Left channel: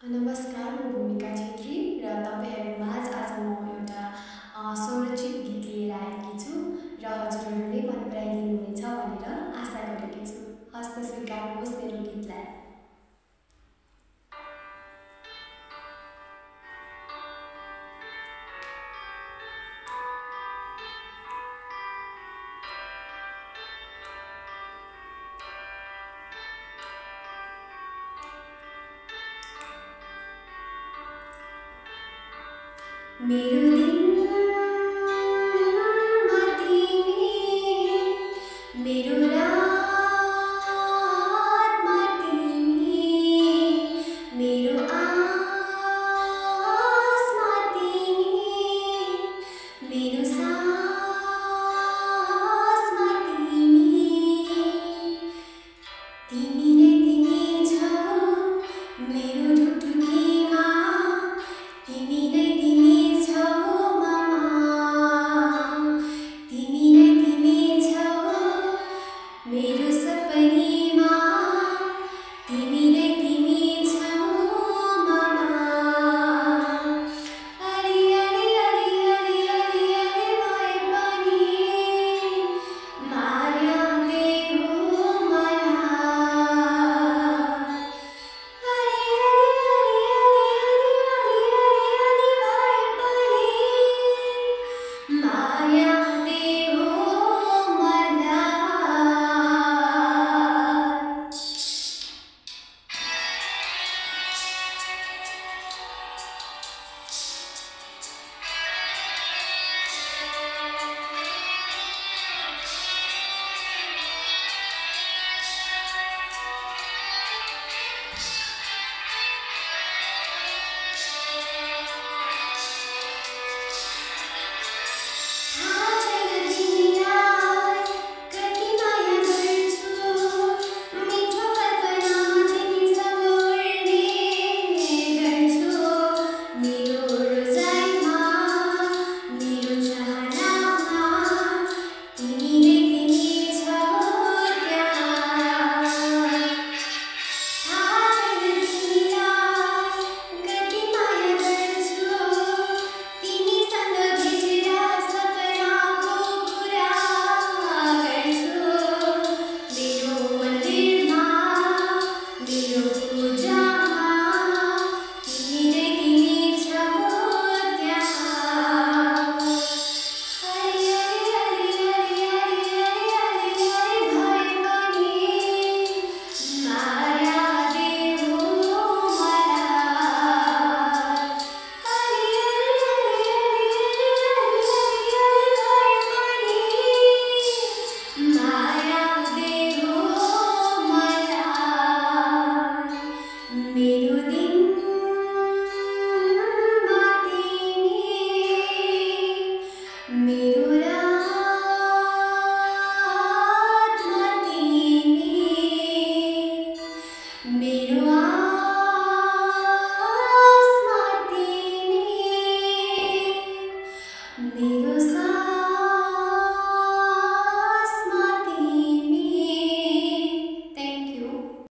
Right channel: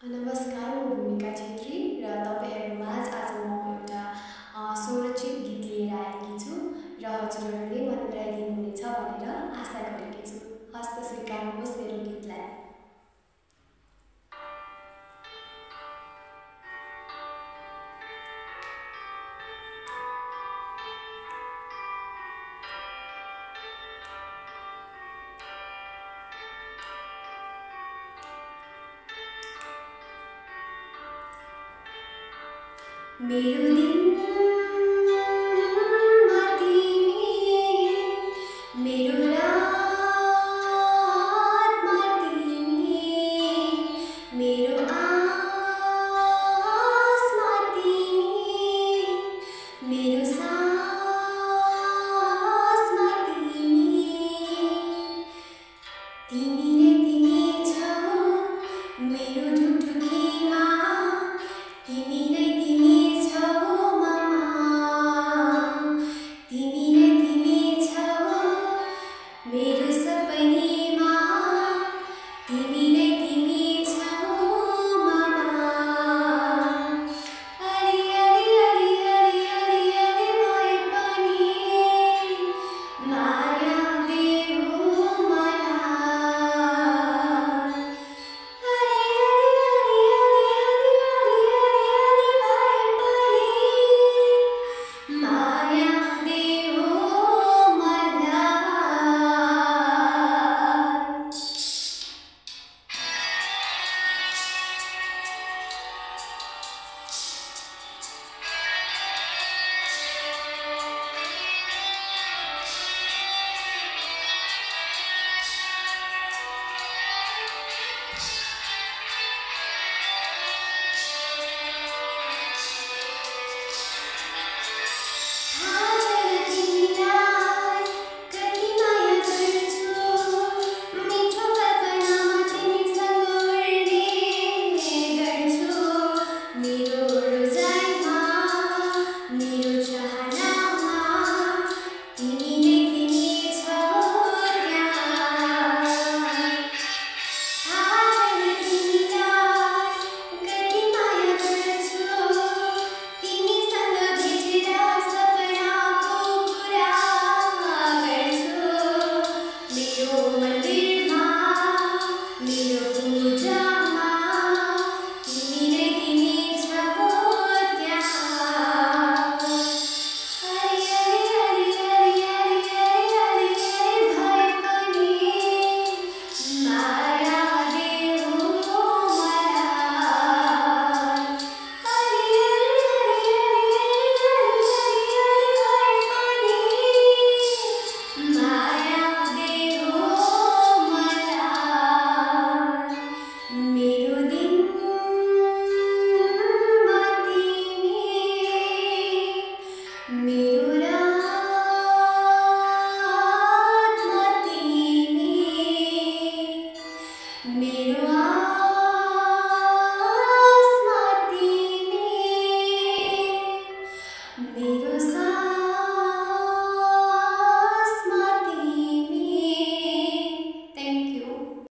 नमस्कार, म भूमिका छेत्री र तपाईहरुमाझ आज म एउटा संरक्षित गीत लिएर आएकी छु र हजुरहरूले मन पराइदिनुहुनेछ भनेर आशा गरेकी छु। हस्त स्वीकार्नुहोस् मेरो गीतलाई। मेरो दिनमा तिमी, मेरो रातमा तिमी, मेरो आसमा तिमी, मेरो सासमा तिमी, तिमी नै तिमी छौ मेरो ढुकढुकीमा, तिमी नै तिमी मेरो सपनीमा, तिमी नै तिमी छौ मामा। अलि अलि अलि अलि अलि अलि भए पनि माया देऊ मलाई। अलि अलि अलि अलि अलि अलि भए पनि माया देऊ मेरो